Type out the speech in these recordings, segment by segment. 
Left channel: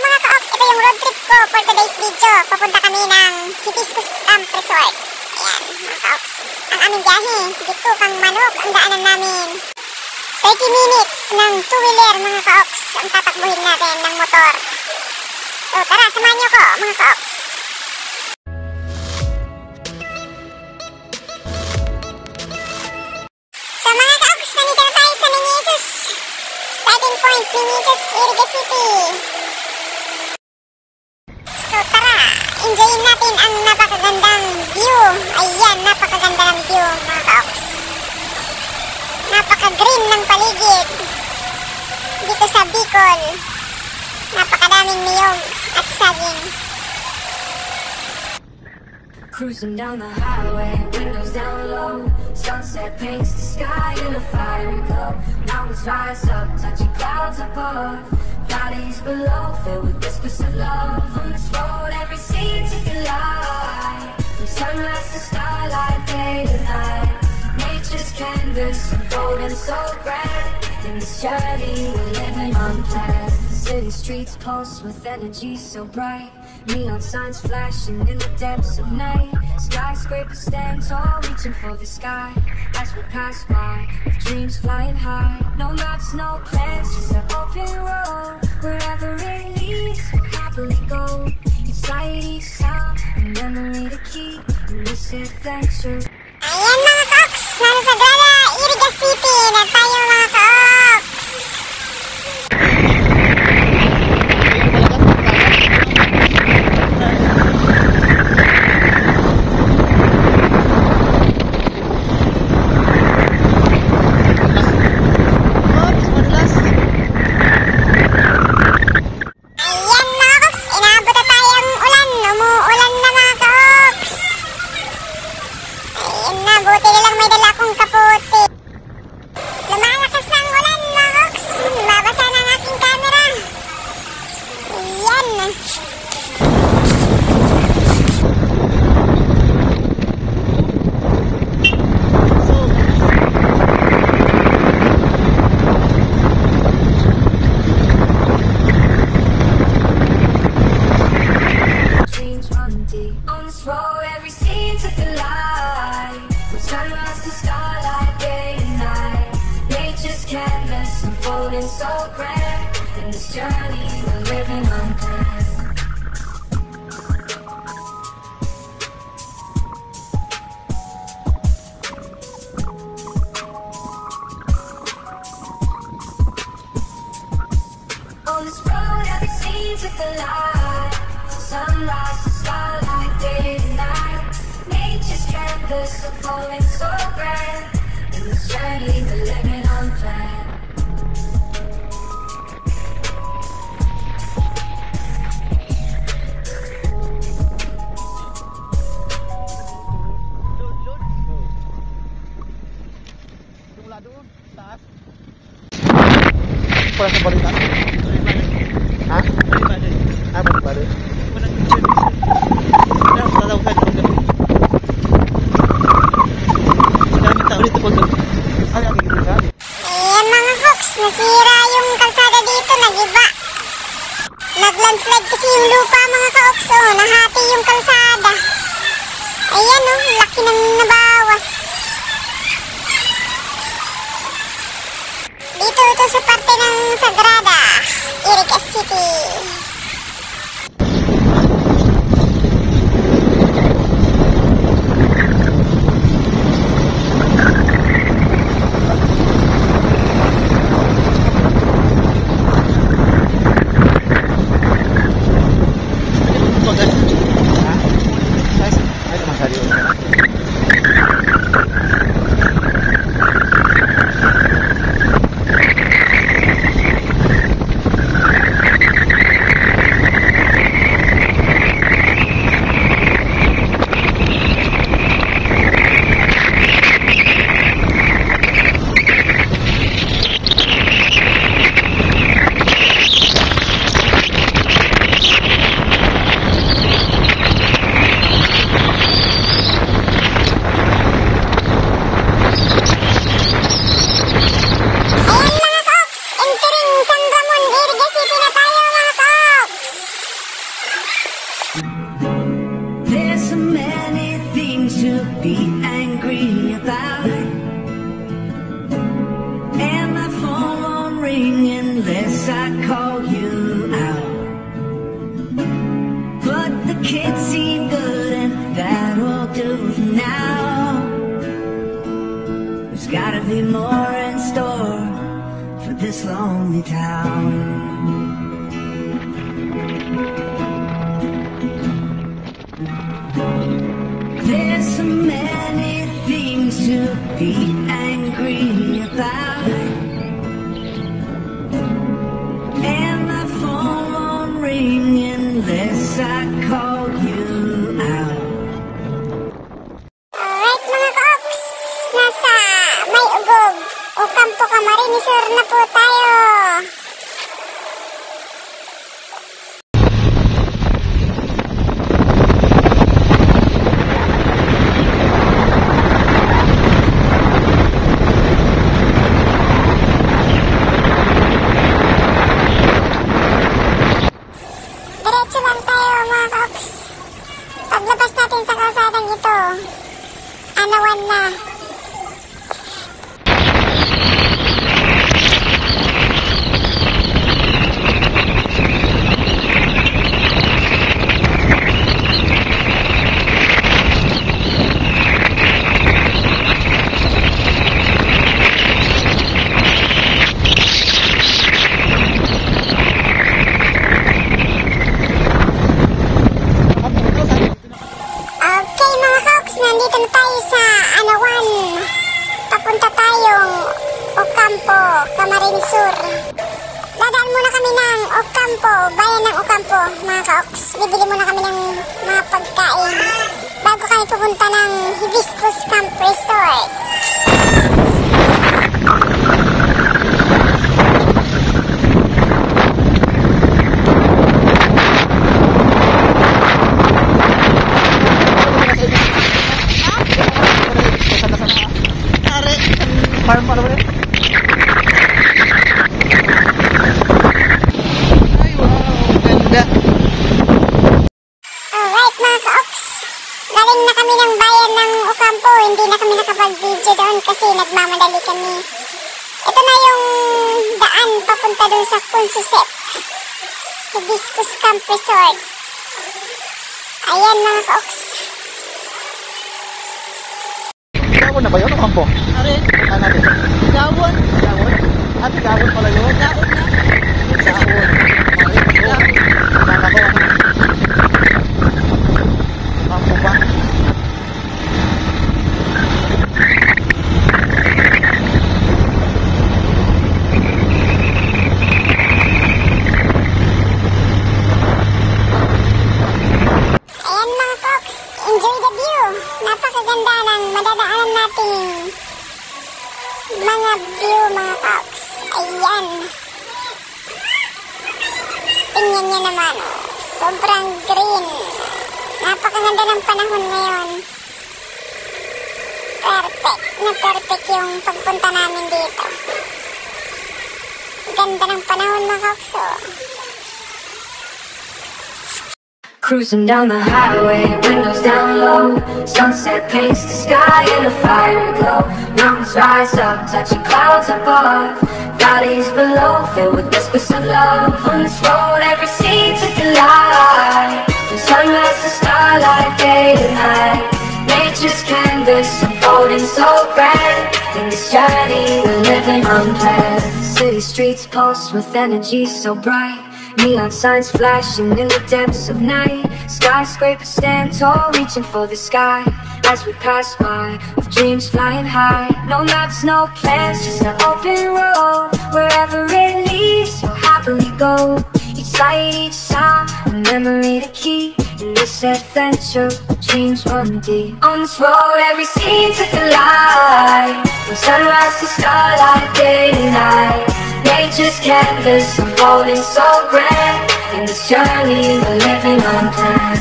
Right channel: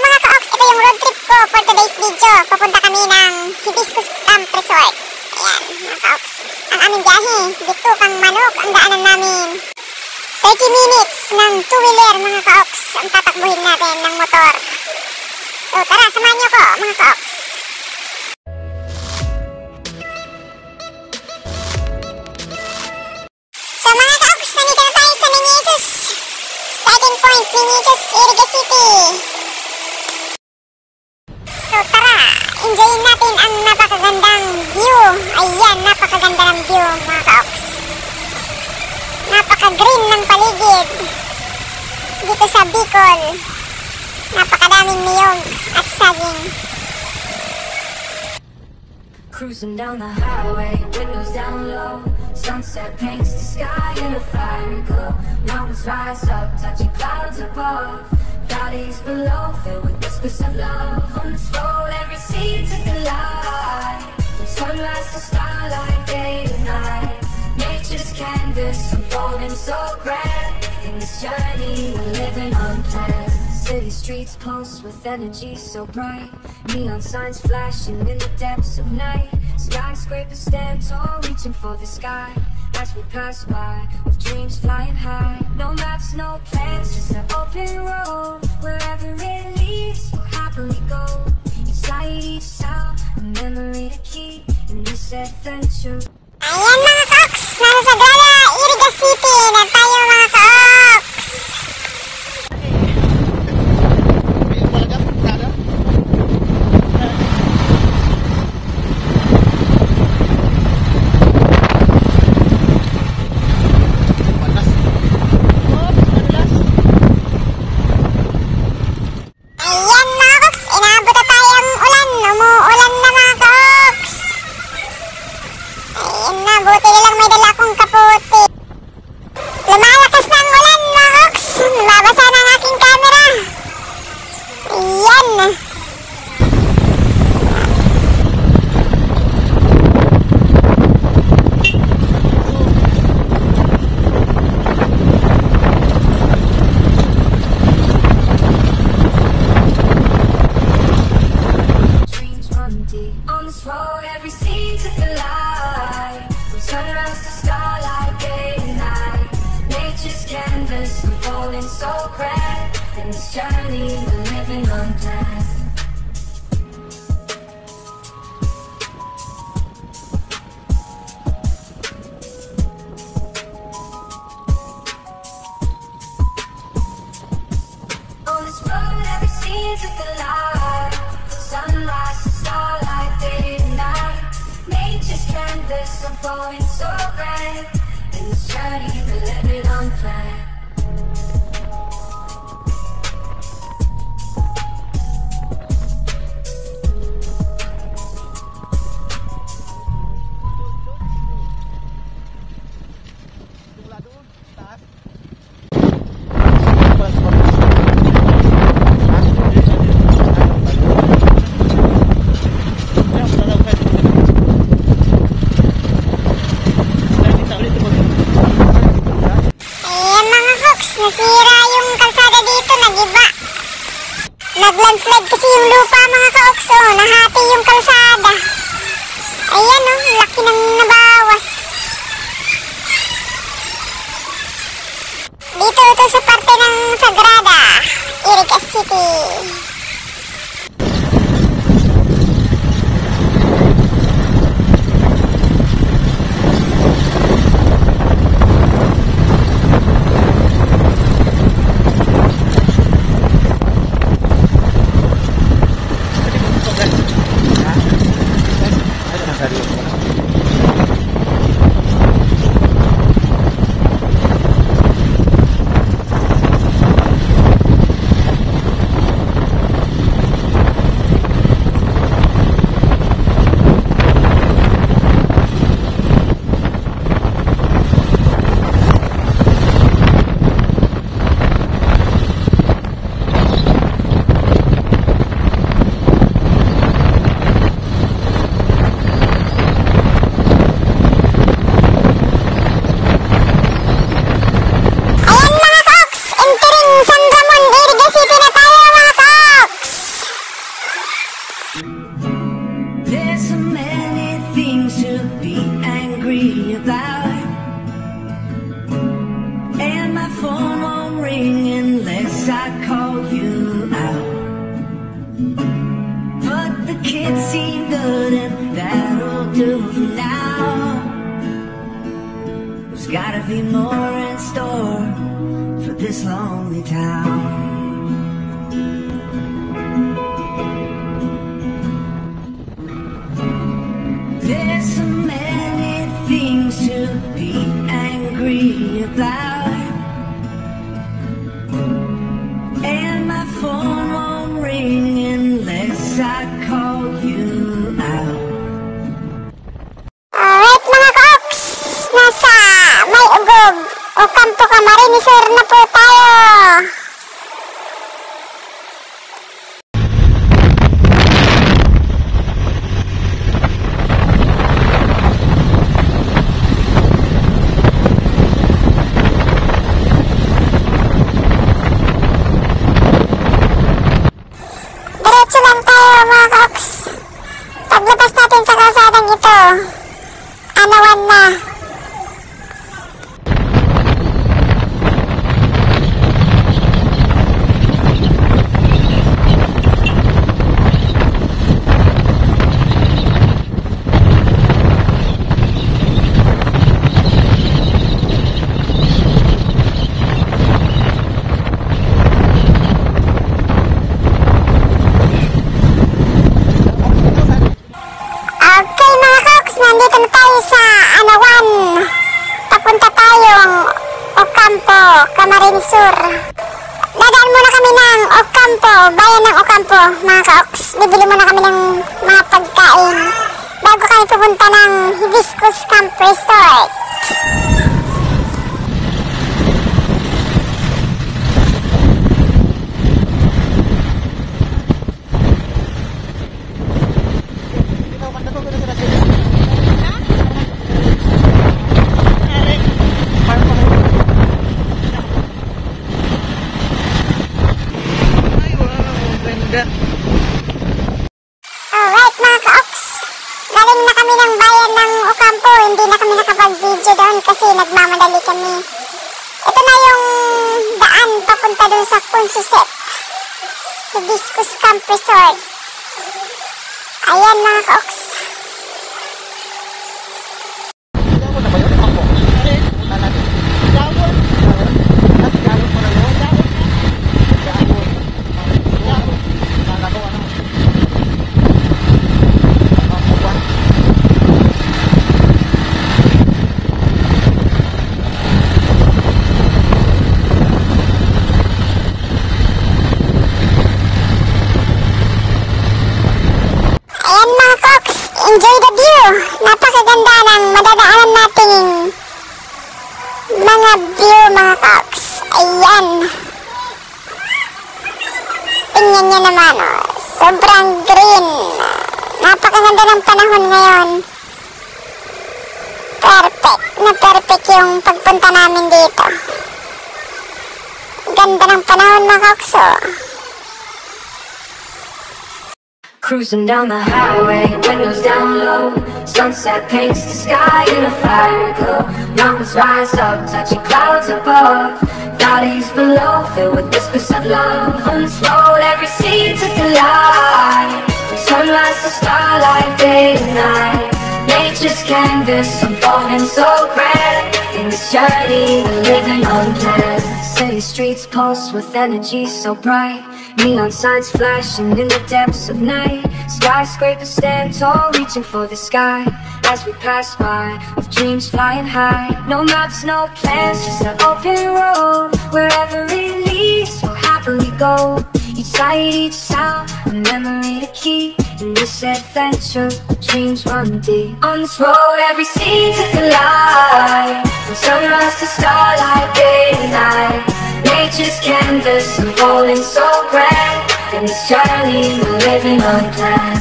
mga ka-ox, ito yung road trip ko for today's video. Papunta kami ng Hibiscus Camp Resort. Ayan, mga ka-ox. Ang aming biyahe, dito kang Manok ang daanan namin. 30 minutes ng two-wheeler, mga ka-ox, ang tatakbuhin natin ng motor. So tara, samahan niyo ko, mga ka-ox. So mga ka-ox, nandito na tayo sa Meñisus. Starting point, Meñisus, Iriga City. So tara, enjoyin natin ang napakagandang view. Ayan, napakaganda ng view, mga ka-ox. Napaka-green ng paligid dito sa Bicol. Napakadaming niyog at saging. Cruising down the highway, windows down low. Sunset paints the sky in a fiery glow. Mountains rise up, touching clouds above. Valleys below, filled with whispers of love. On this road, every scene's a delight. From sunrise to starlight, day to night. Nature's canvas, unfolding so grand. In this journey, we're living unplanned. City streets pulse with energy so bright. Neon signs flashing in the depths of night. Skyscrapers stand tall, reaching for the sky. As we pass by, with dreams flying high. No maps, no plans, just an open road. Wherever it leads, we'll happily go. Inside each sound, a memory to keep in this adventure. Ayan mga ka-ox, nasa Sagrada, Iriga City na tayo mga ka-ox. Ayan mga ka-ox, inaabot na tayo ang ulan. Umuulan na mga ka-ox. Ayan na, buti nilang may dala kong kaputi. Lumalakas na ang ulan mga ka-ox. Mabasa na ang aking camera. Ayan. Dreams run deep. On this road, every scene's a delight. From sunrise to starlight, day and night. Nature's canvas, unfolding so grand. In this journey, we're living unplanned. On this road, every scene's a delight. From sunrise to starlight, day and night. Nature's canvas, unfolding so grand. In this journey, we're living unplanned. Ayan mga ka-ox, nasira yung kalsada dito, nagiba. Nag-landslide kasi yung lupa mga ka-ox, oh, nahati yung kalsada. Ayan oh, laki ng nabawas. Dito ito sa parte ng Sagrada, Iriga City. Kids seem good and that'll do for now. There's gotta be more in store for this lonely town. There's so many things to be angry about, and my phone won't ring unless I call you out. Alright mga Koks, nasa May Ugog o Campo Camarines Sur na po tayo. Diretso lang tayo mga Koks. Paglabas natin sa kalsadang ito, anawan na. Okay mga Koks, nandito na tayo sa Anawan. Papunta tayong Ocampo, Camarines Sur. Dadaan muna kami ng Ocampo, bayan ng Ocampo mga Koks. Bibili muna kami ng mga pagkain bago kami pupunta ng Hibiscus Camp Resort. Alright mga Koks, galing na kami ng bayan ng Ocampo. Hindi na kami nakapag-video doon kasi nagmamadali kami. Ito na yung daan papunta doon sa Consuset, Hibiscus Camp Resort. Ayan mga Koks. Ako na ba yun? Ako. Are, gawon. At gawon pala yun. Gawon na. Ayan mga Koks, enjoy the view. Napakaganda ng madadaanan nating mga view mga Koks. Ayan. Tingnan nyo naman, oh. Sobrang green. Napakaganda ng panahon ngayon. Perfect na perfect yung pagpunta namin dito. Ganda ng panahon mga Koks, oh. Cruising down the highway, windows down low. Sunset paints the sky in a fiery glow. Mountains rise up, touching clouds above. Valleys below, filled with whispers of love. On this road, every scene's a delight. From sunrise to starlight, day to night. Nature's canvas unfolding so grand. In this journey, we're living unplanned. City streets pulse with energy so bright. Neon signs flashing in the depths of night. Skyscrapers stand tall, reaching for the sky. As we pass by, with dreams flying high. No maps, no plans, just an open road. Wherever it leads, we'll happily go. Each light, each sound, a memory to keep. In this adventure, dreams run deep. On this road, every scene's a delight. From sunrise to starlight, day and night. Nature's canvas unfolding so grand. In this journey, we're living unplanned.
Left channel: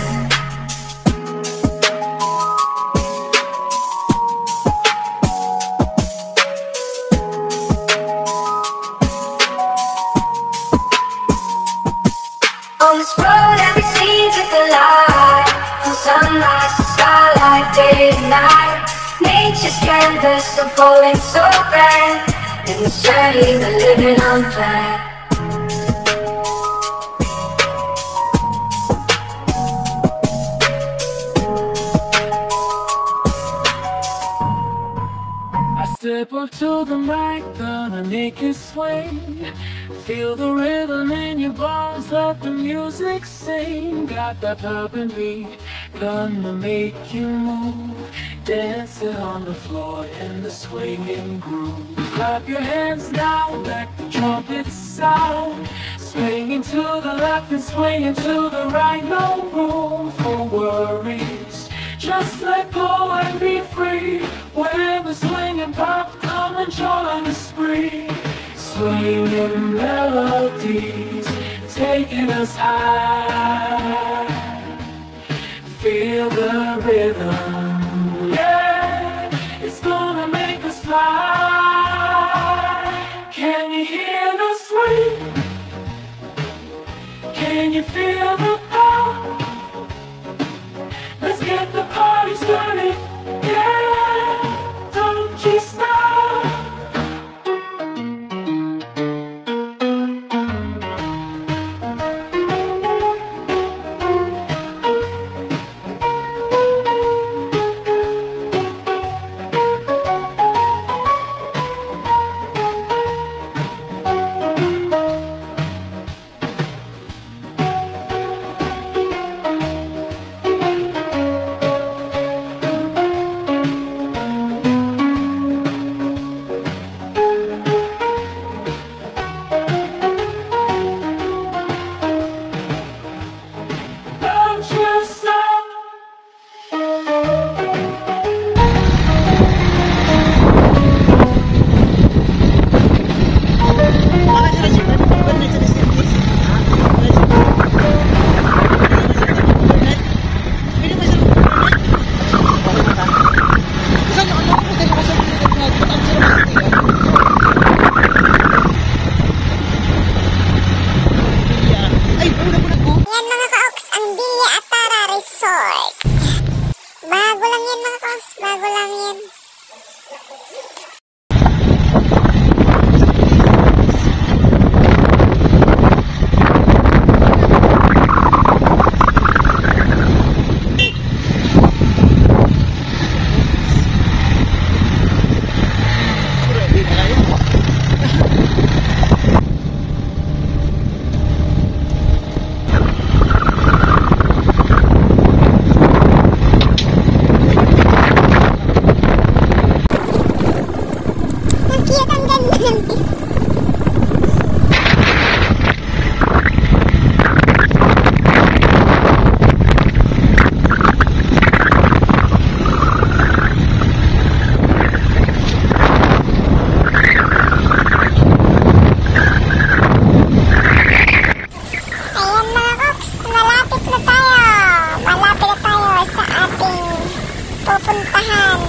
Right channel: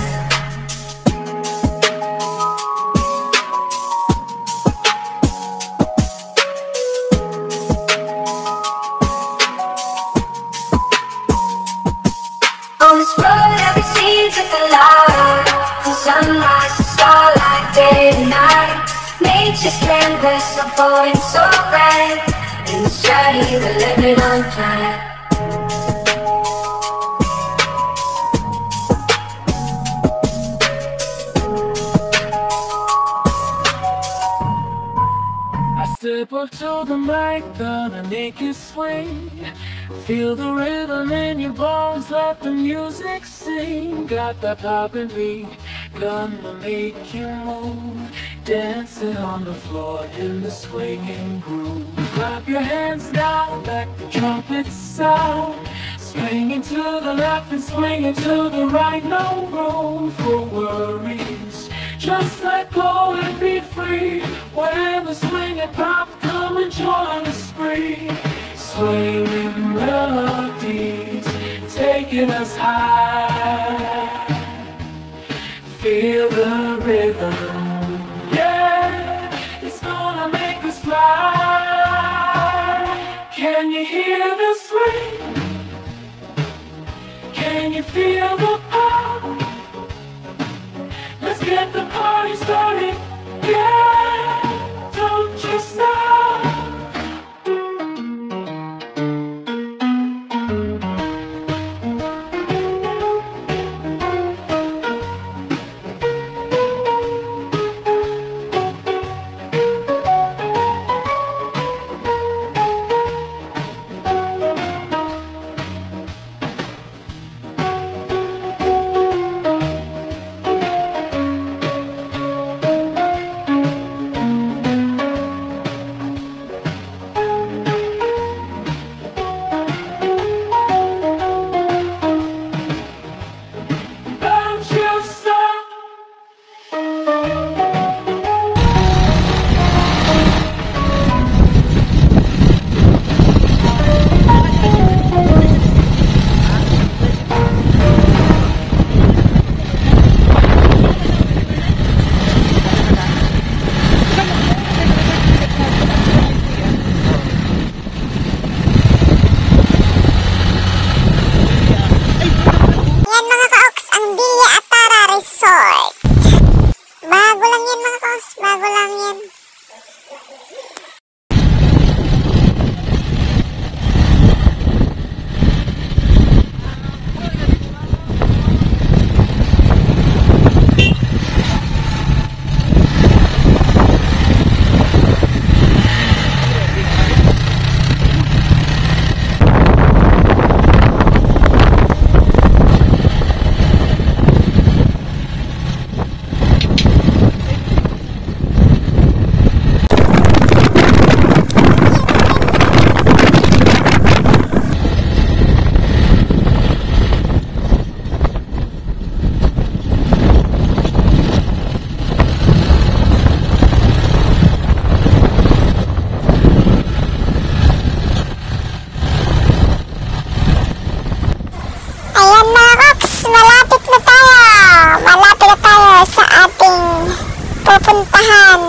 On this road, every scene's a delight. From sunrise to starlight, day and night. Nature's canvas unfolding so grand. In this journey, we're living unplanned. Step up to the mic, gonna make you swing. Feel the rhythm in your bones, let the music sing. Got that urban beat, gonna make you move. Dancing on the floor in the swinging groove. Clap your hands now, back the trumpet sound. Swinging to the left and swinging to the right, no room for worries. Just let go and be free. When the swinging pop, come and join the spree. Swinging melodies, taking us high. Feel the rhythm, yeah, it's gonna make us fly. Can you hear the swing? Can you feel the pop? Let's get the party started, yeah, don't you stop. Bago lang yan mga kaos, bago lang yan. Pupuntahan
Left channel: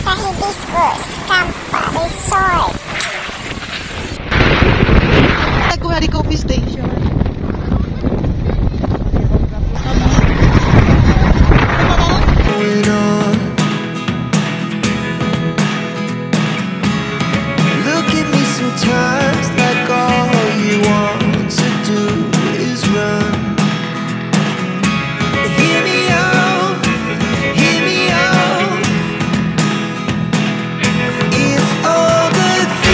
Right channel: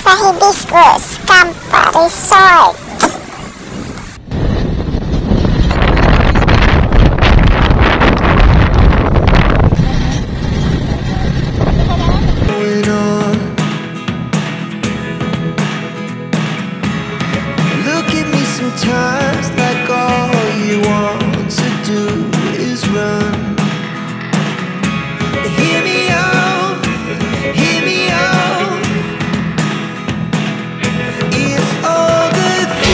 sa Hibiscus Camp Resort. Look at me sometimes like all you want to do is run. Hear me out, hear me out. It's all the things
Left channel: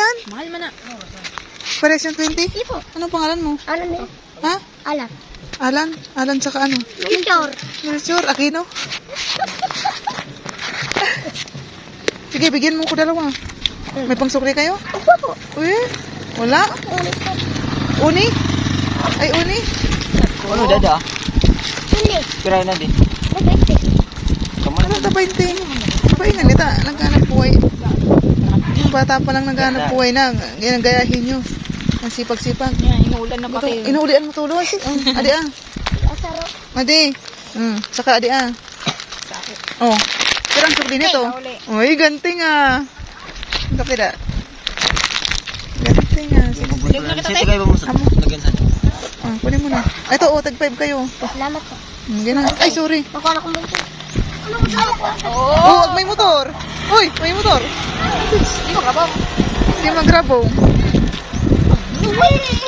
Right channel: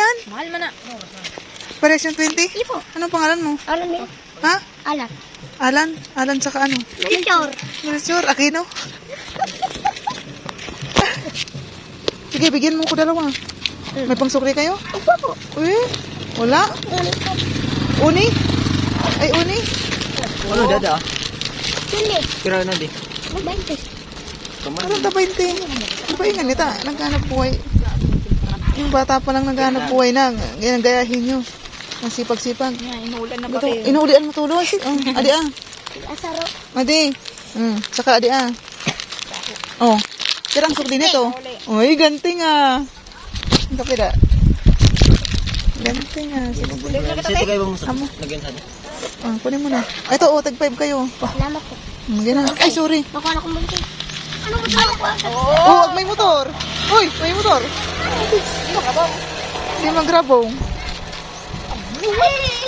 yan? Mahal man na. Parehas yung 20? Ipo. Anong pangalan mo? Alam niyo? Ha? Alam. Alan? Alan saka ano? Picture. Sure, Aquino? Sige, bigyan mo ko dalawa. May pangsukli kayo? Opo po. Uy, wala? Ulit po. Uni? Ay, uni? Ano, dada? Hindi. Kira na din. Mabente. Ano ta 20? Iba yung ganita, naghanap buhay. Yung bata pa lang naghanap buhay na, ginagayahin nyo. Ang sipag-sipag. Inuulan na pa kayo. Inuulian mo tuloy. Adi ah. Asaro. Adi. Saka adi ah. Oh. Kurang sukli nito. Uy, ganting ah. Ito kira. Ganting ah. Sisi kayo mo sa Amo. lagyan sa. Kunin mo na. Ito, oh, tag 5 kayo. Salamat po. Ganun. Ay, sorry. Nakuha na kong bunti. Anong mo? Oh, may motor. Uy, may motor. Hindi magrabong. Hindi.